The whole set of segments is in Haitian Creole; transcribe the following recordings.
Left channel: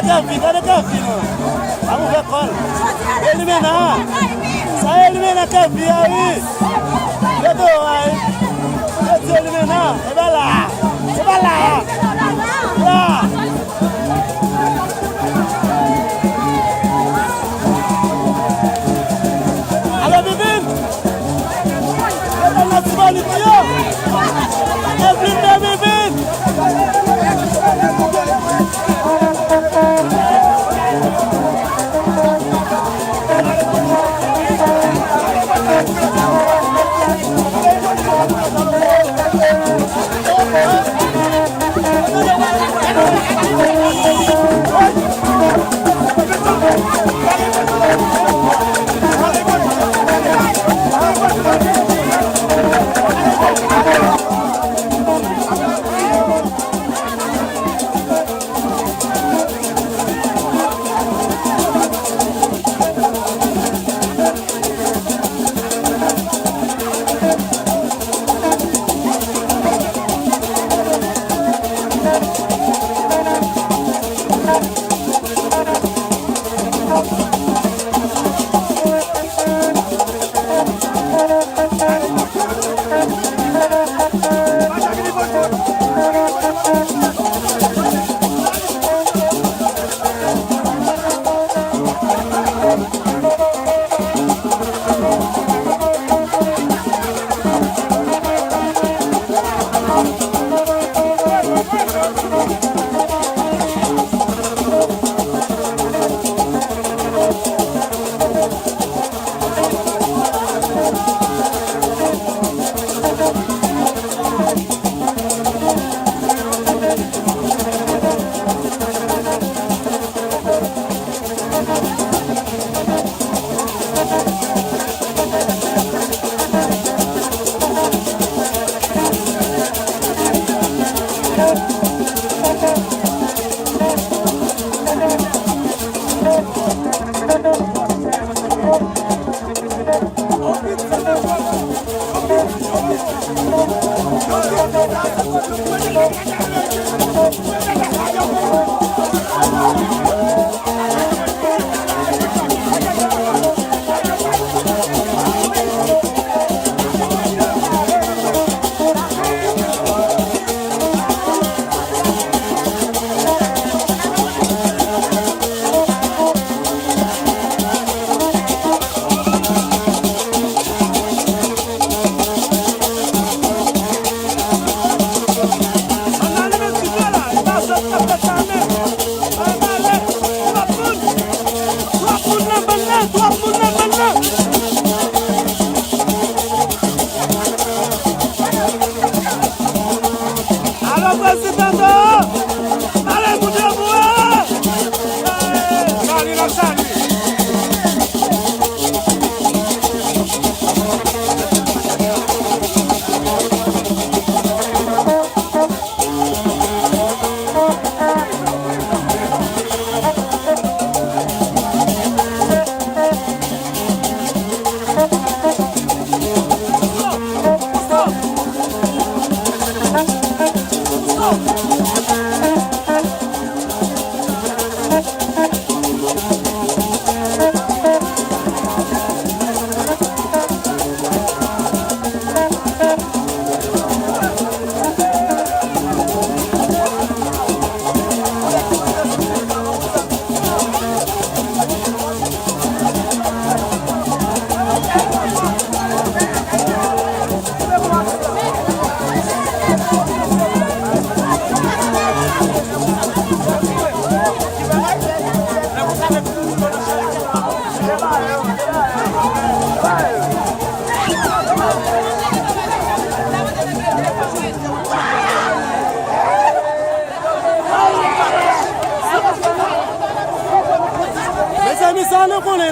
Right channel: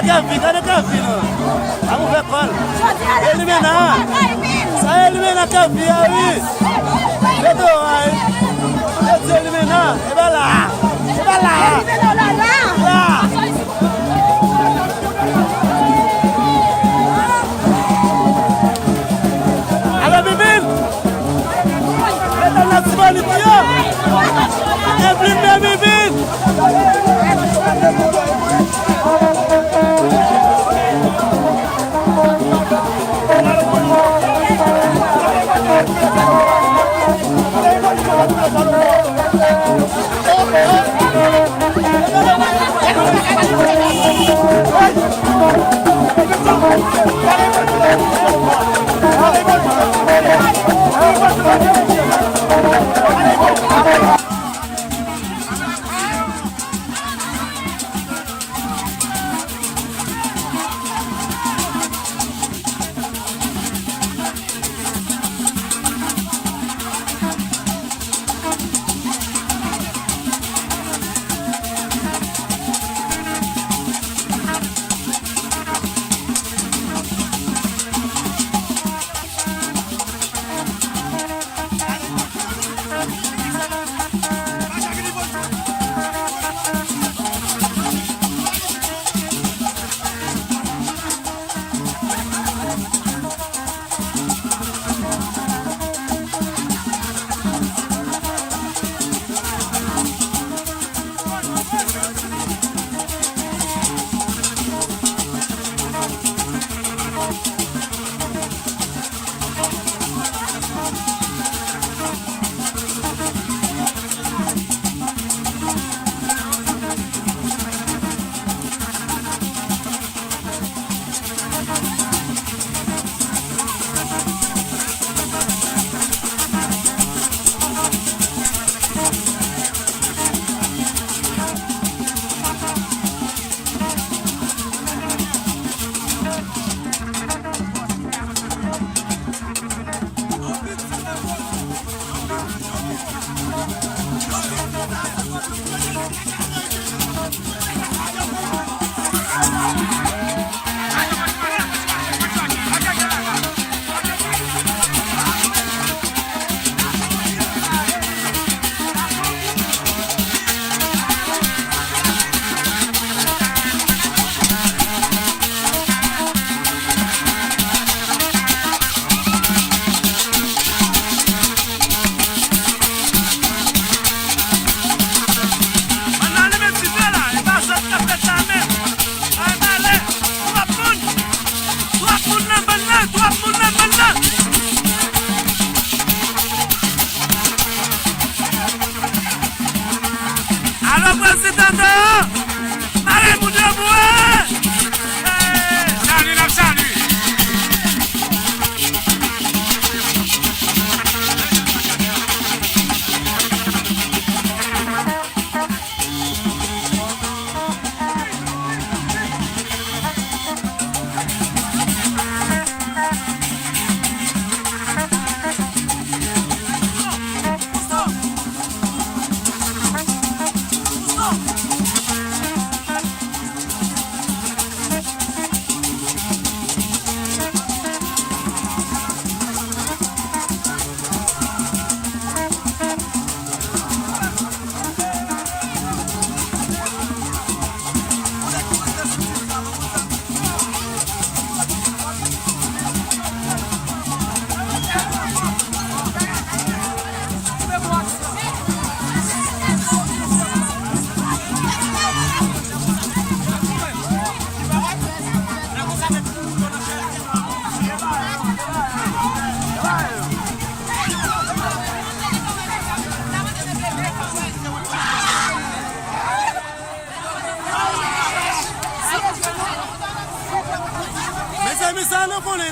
Gane Kafi, non? Vamos ver qual. Eliminar. Sai eliminar Kafi aí. Chegou aí. Deixa eliminar. Vai lá. Vai lá. Lá. Alô, Bibin. Meta nacionality. Evelyn Bibin.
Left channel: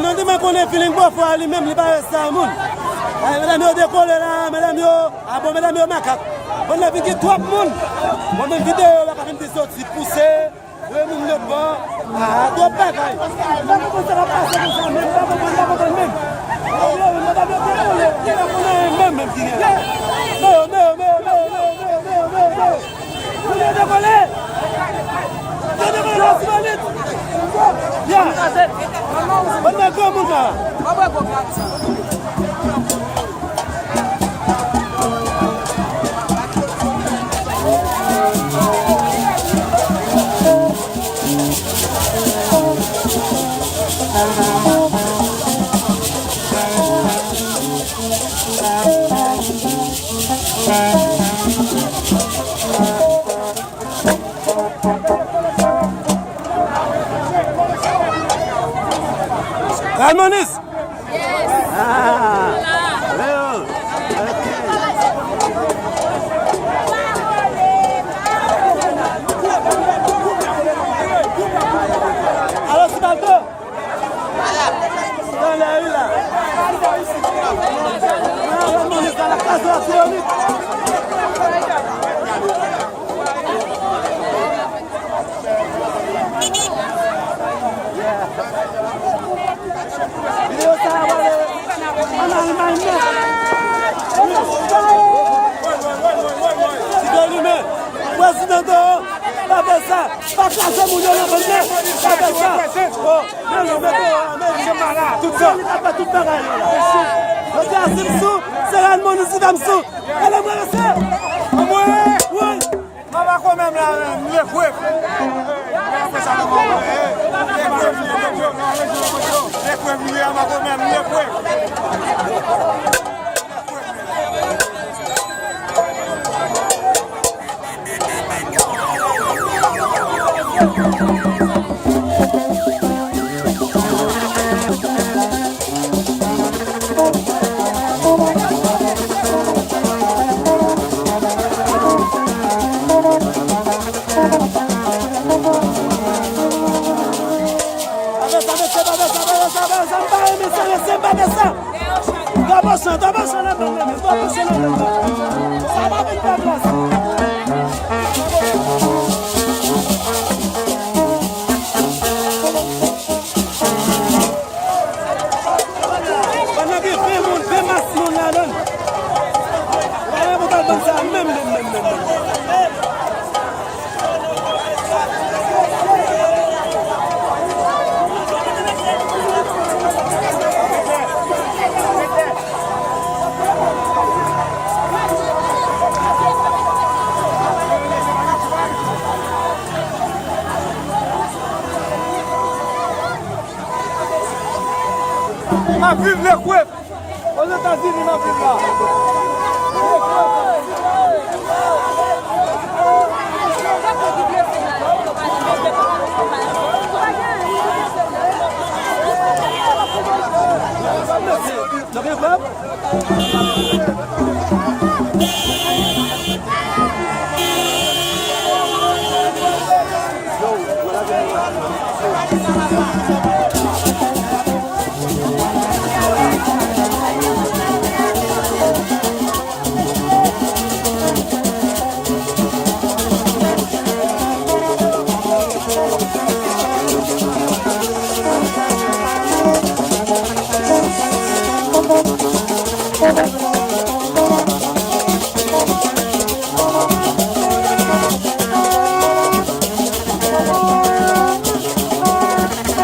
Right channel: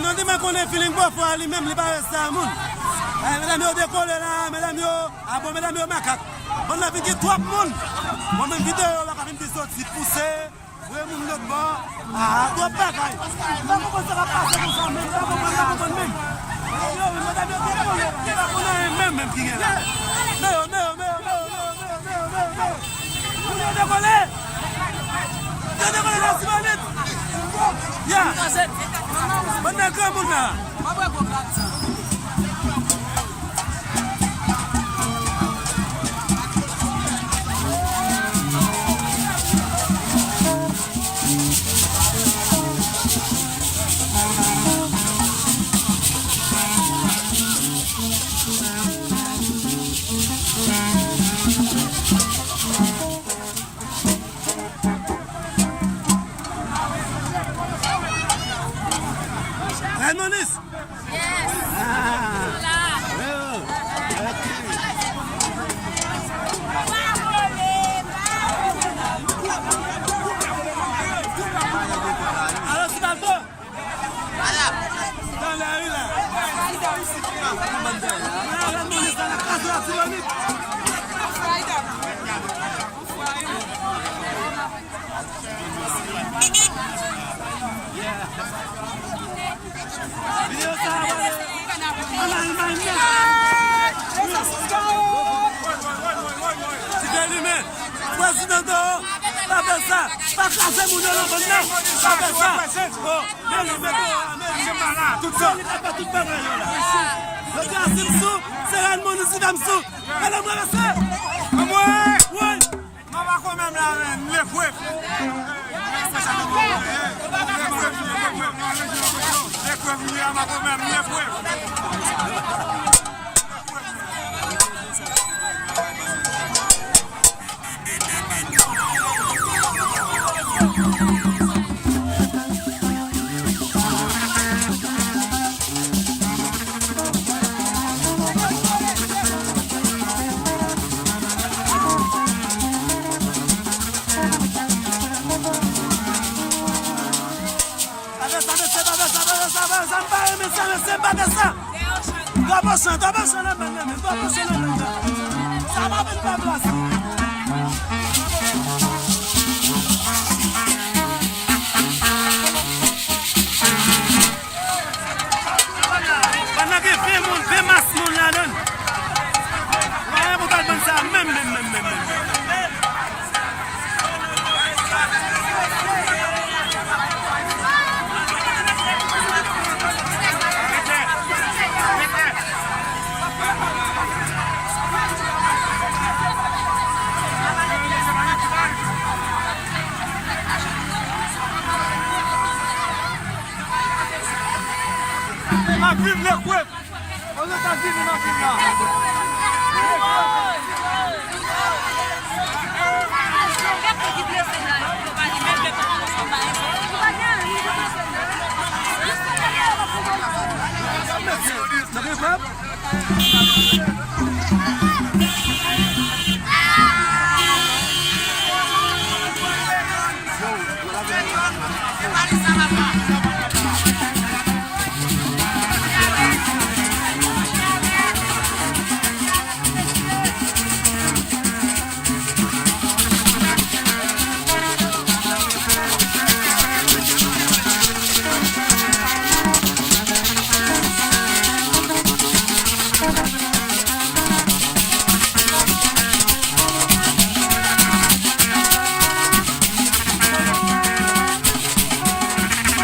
Non dit qu'on est feeling pour faire lui-même les barres ça moun. Mesdames yo décolle là, mesdames yo, ah bon mesdames yo macaque. On a vu que trois moun. Bon même vidéo là quand même des sorties pousser, ouais moun l'autre bord. Ah, toi bagaille. Pas comment ça va passer comme ça même, pas comment même. Mesdames yo décolle, on est même qui est là. Mais Ya. Mana ke muna? Raimonis? Yes. Ah. Hola. Well, okay. Alors, c'est un peu dans la rue là. Raimonis dans la case de la Tyrolite. Video sahabat anak mainnya. Tiga lima. Presiden tu, tak besar, tak kasih mudah nak benar, tak besar. Oh, belum betul. Semangat, tutup. Apa tutup kaya lah. Jadi asim su, seran manusia damsu. Kalau berasa, woi. Mama quand même la neuf. Vive le couple! Aux États-Unis, non, c'est ça.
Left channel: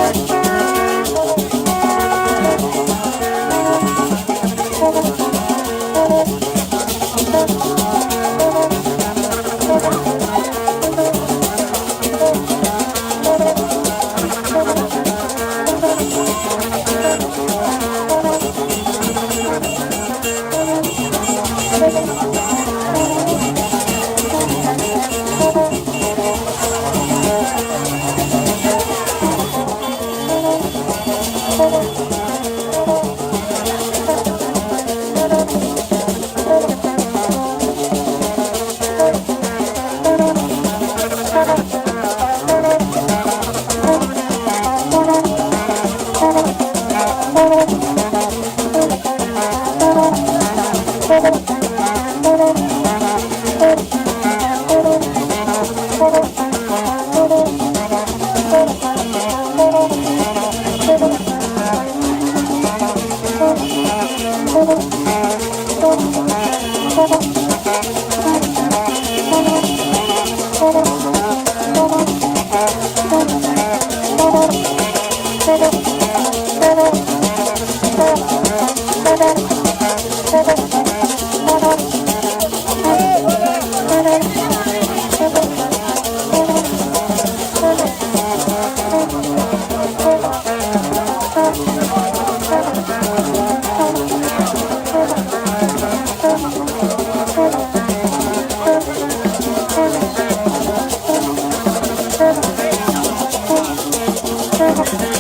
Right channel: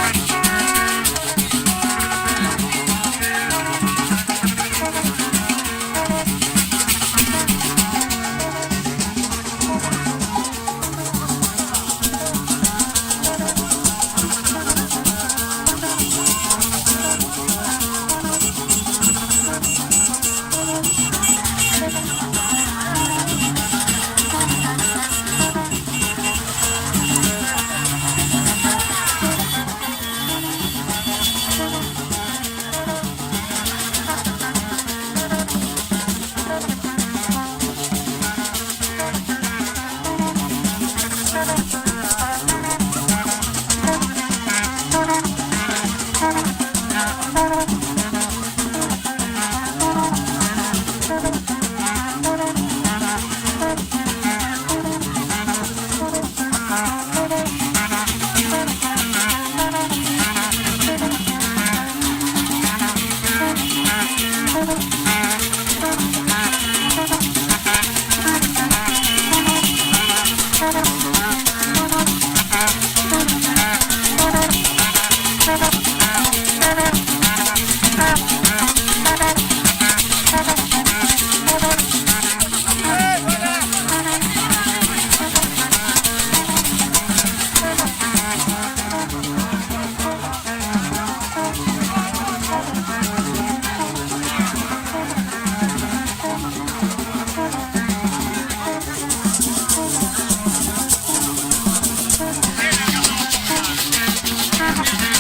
Bye. Let's